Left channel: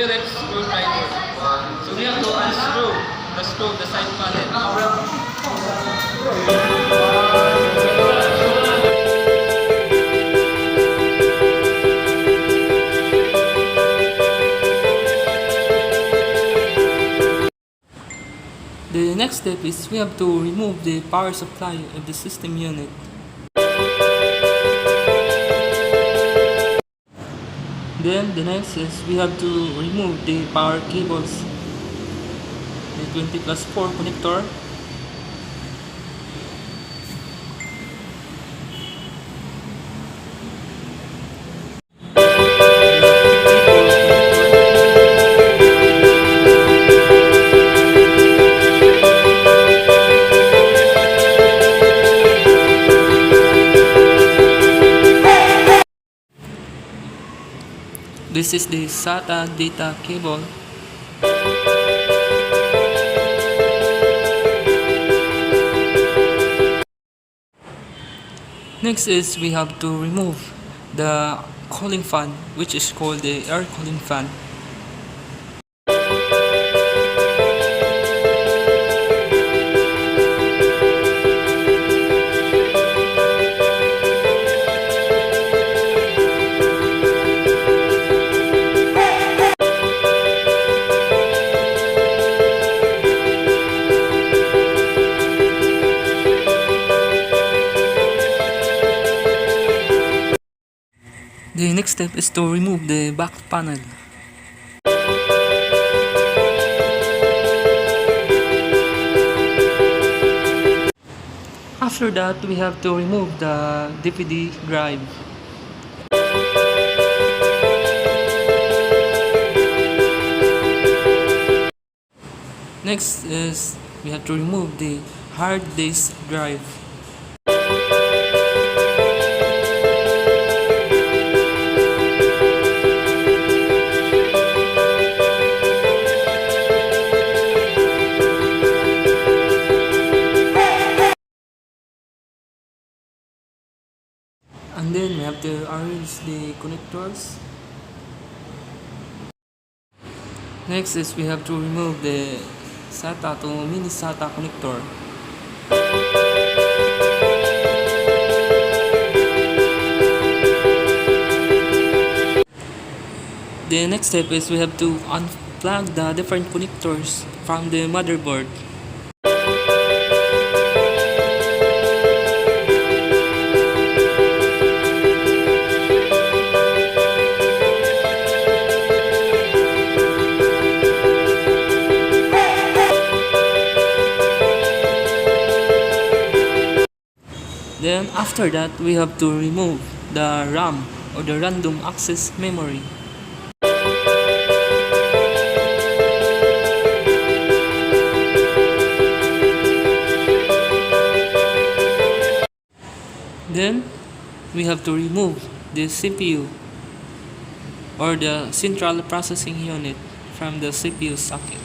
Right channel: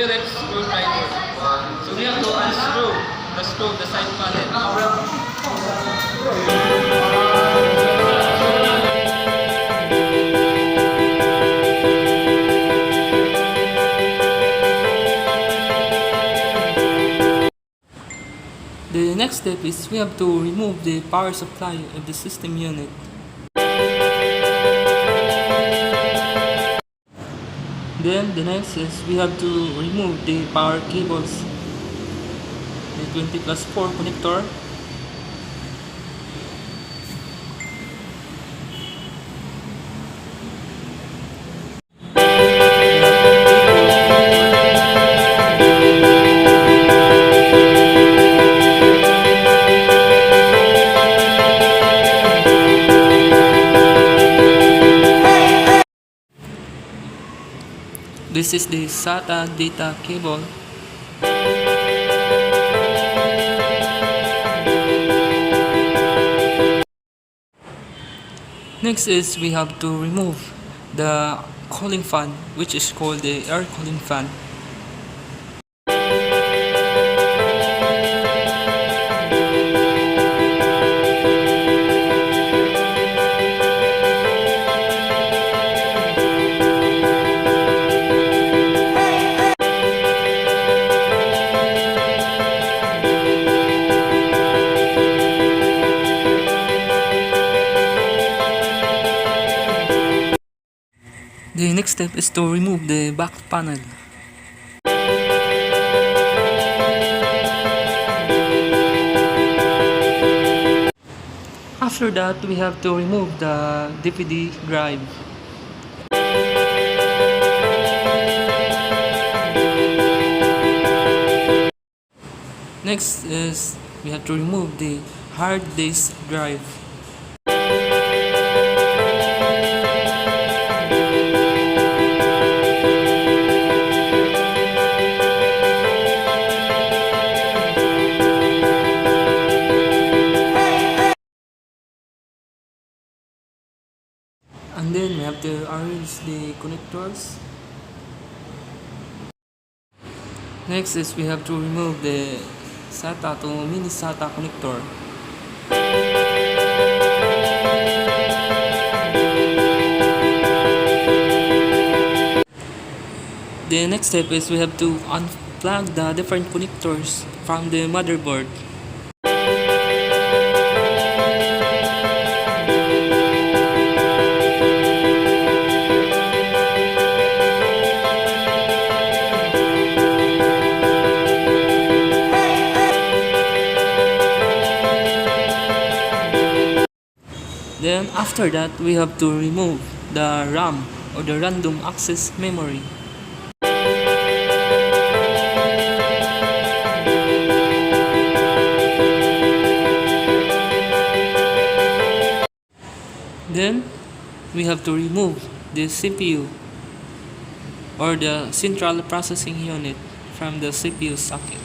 Phillips screwdriver. So we have to unscrew the screw of the side panel. The next step is we have to remove the power supply of the system unit. Then the next is we have to remove the power cables, the 20+4 connector, this is the SATA data cable. Next is we have to remove the cooling fan, which is called the air cooling fan. The next step is to remove the back panel. After that, we have to remove the DVD drive. Next is we have to remove the hard disk drive. And then we have to arrange the connectors. Next is we have to remove the SATA to mini SATA connector. The next step is we have to unplug the different connectors from the motherboard. Then after that, we have to remove the RAM or the random access memory. Then we have to remove the CPU or the central processing unit from the CPU socket.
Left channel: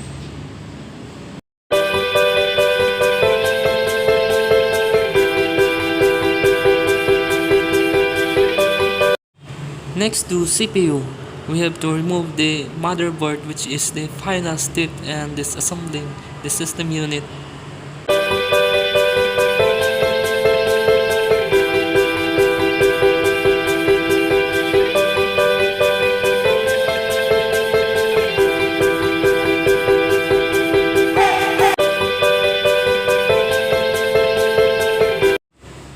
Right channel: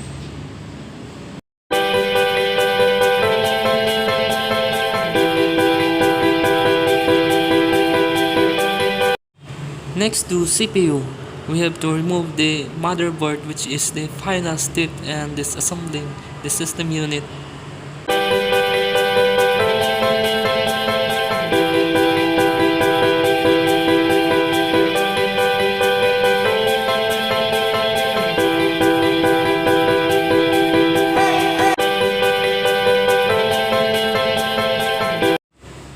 Next to CPU, we have to remove the motherboard, which is the final step in disassembling the system unit.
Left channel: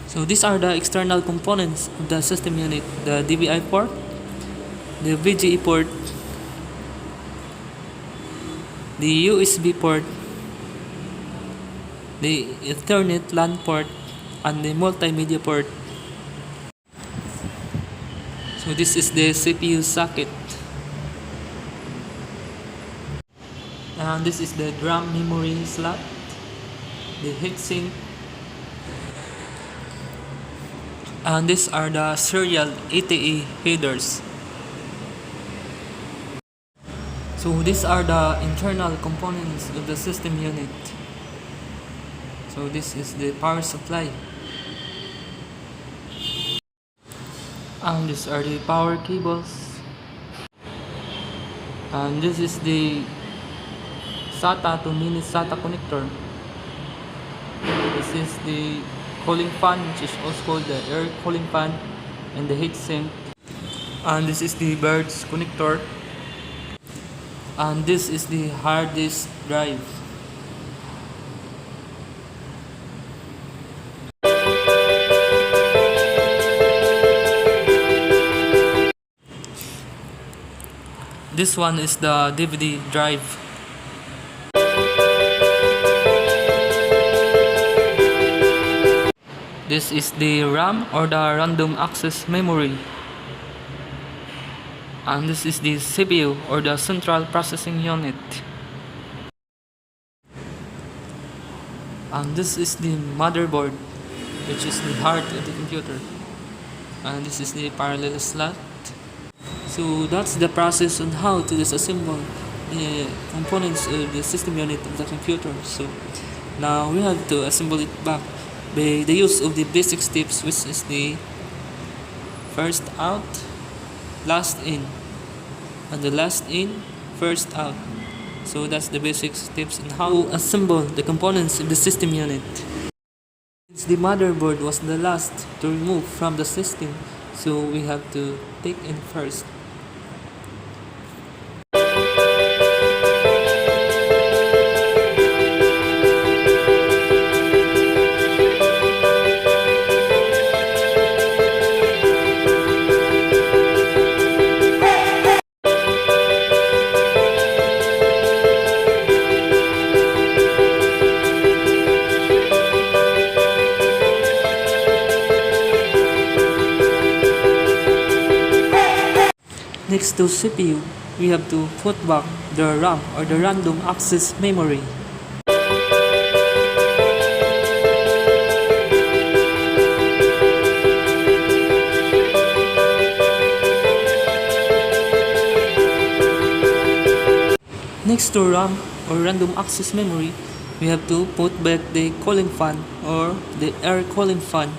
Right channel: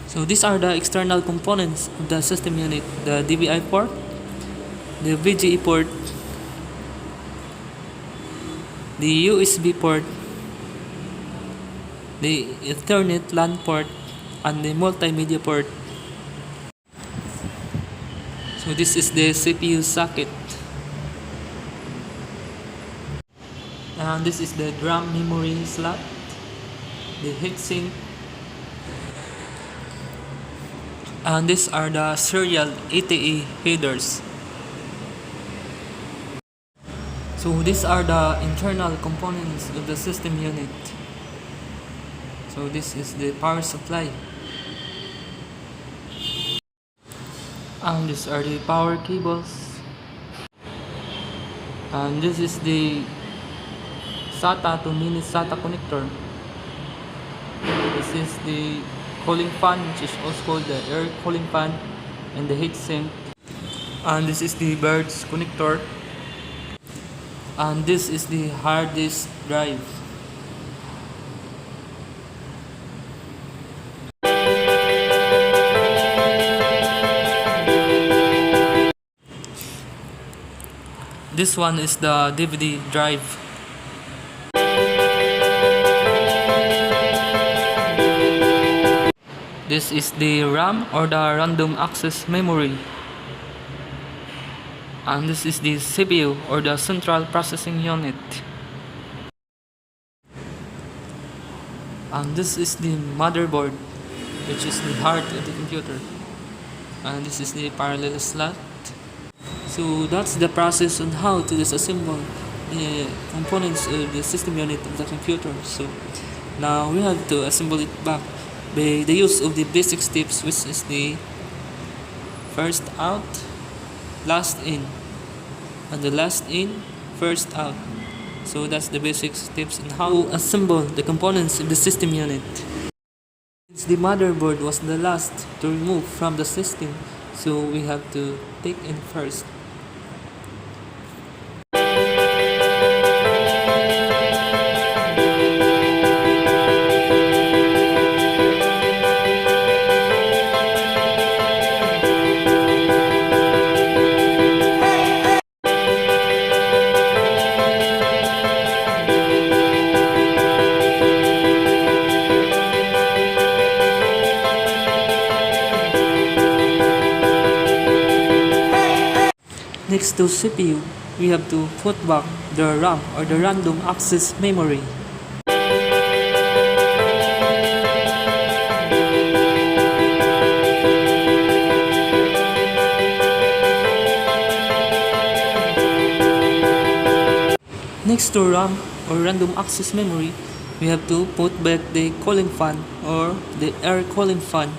So these are the external components of the system unit: the DVI port, the VGA port, the USB port, the Ethernet LAN port, and the multimedia port. So this is the CPU socket. And this is the DRAM memory slot, the heatsink, and these are the serial ATA headers. So these are the internal components of the system unit. So this is the power supply, and these are the power cables. And this is the SATA to mini SATA connector. This is the cooling fan, which is also called the air cooling fan, and the heat sink. And this is the bird's connector. And this is the hard disk drive. This one is the DVD drive. This is the RAM, or the random access memory. And this is the CPU, or the central processing unit. And this is the motherboard, which is the heart of the computer. And this is the parallel slot. So that's the process on how to disassemble the components of the system unit of the computer. So now we have to assemble it back by the use of the basic steps, which is the first out, last in, and the last in, first out. So that's the basic steps on how to assemble the components of the system unit. Since the motherboard was the last to remove from the system, so we have to take in first. Next to CPU, we have to put back the RAM, or the random access memory. Next to RAM, or random access memory, we have to put back the cooling fan, or the air cooling fan.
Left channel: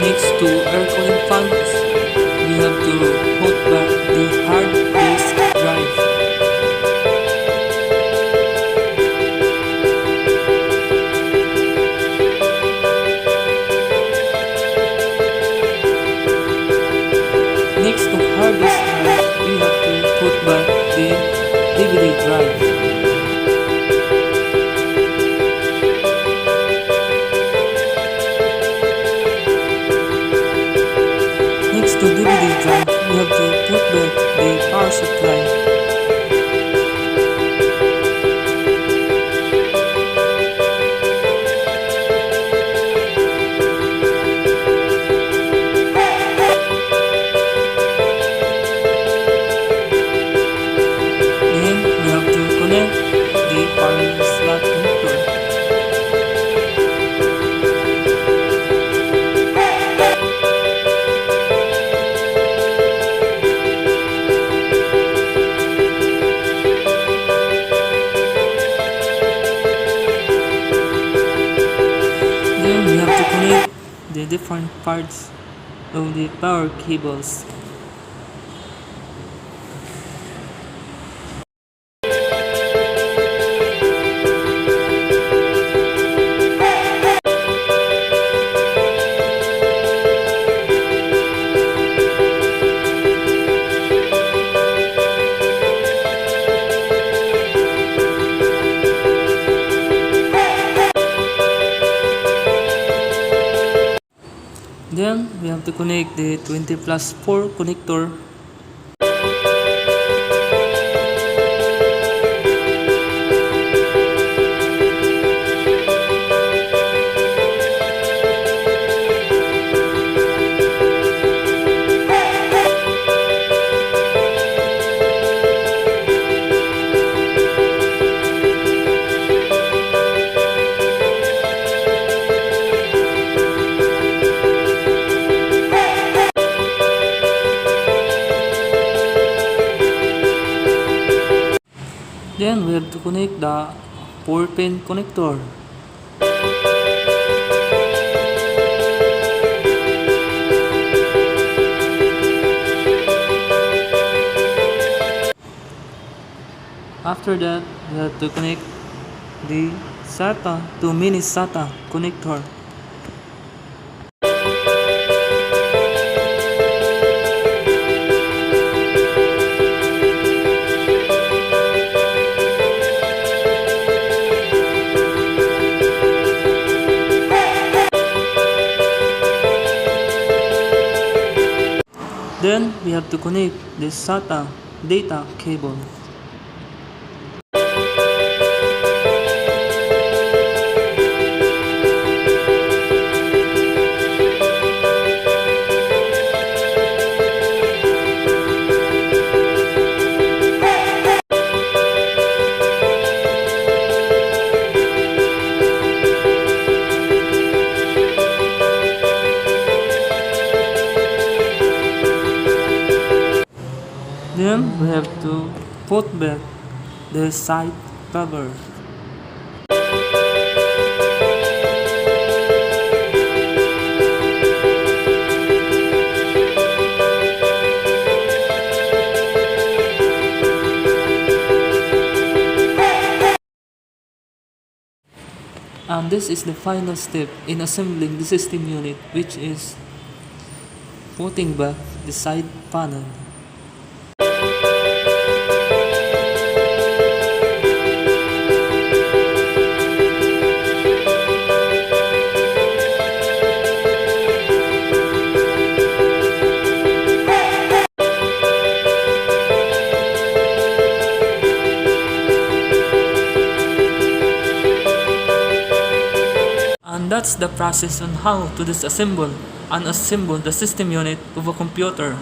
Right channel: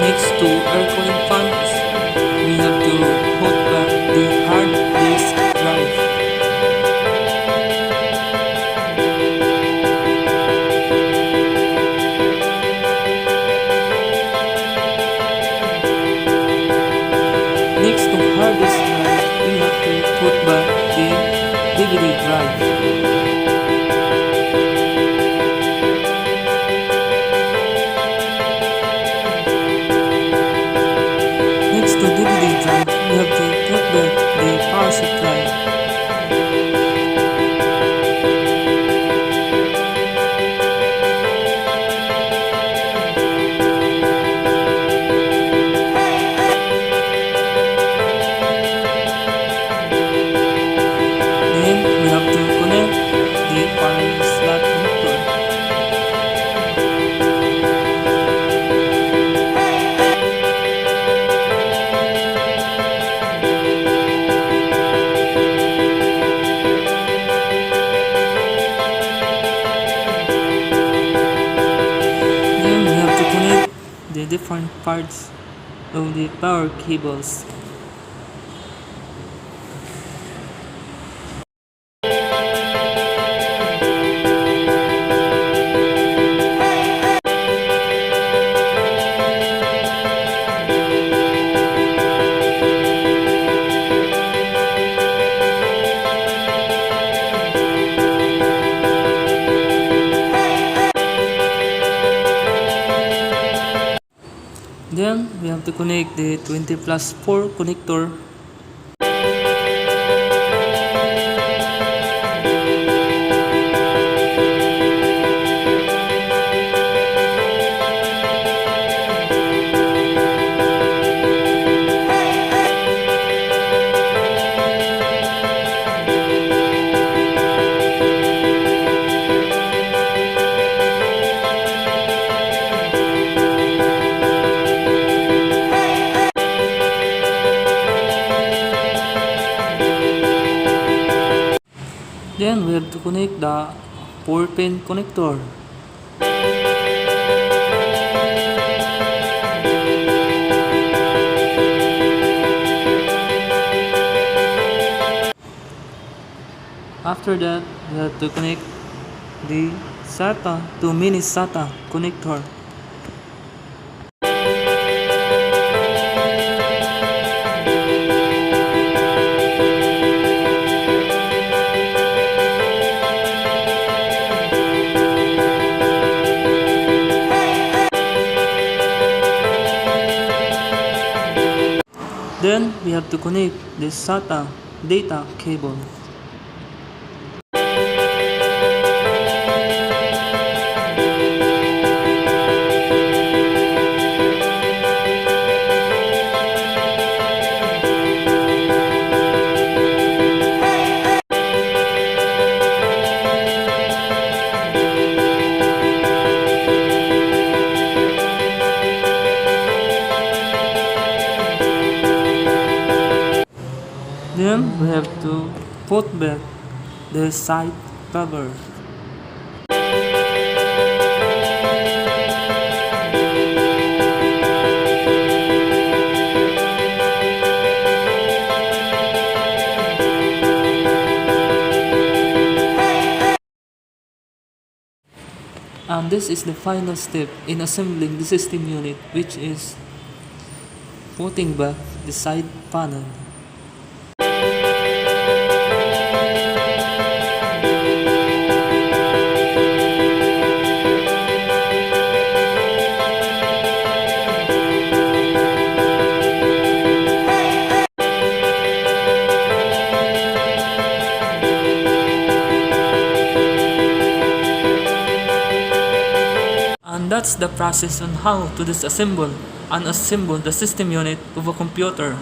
Next to air cooling fans, we have to put back the hard disk drive. Next to hard disk drive, we have to put back the DVD drive. Next to DVD drive, we have to put back the power supply. Then we have to connect the parallel slot connector. We have to connect the different parts of the power cables. Then we have to connect the 20+4 connector. Then we have to connect the 4-pin connector. After that, we have to connect the SATA to mini SATA connector. Then we have to connect the SATA data cable. Then we have to put back the side cover. And this is the final step in assembling the system unit, which is putting back the side panel. And that's the process on how to disassemble and assemble the system unit of a computer.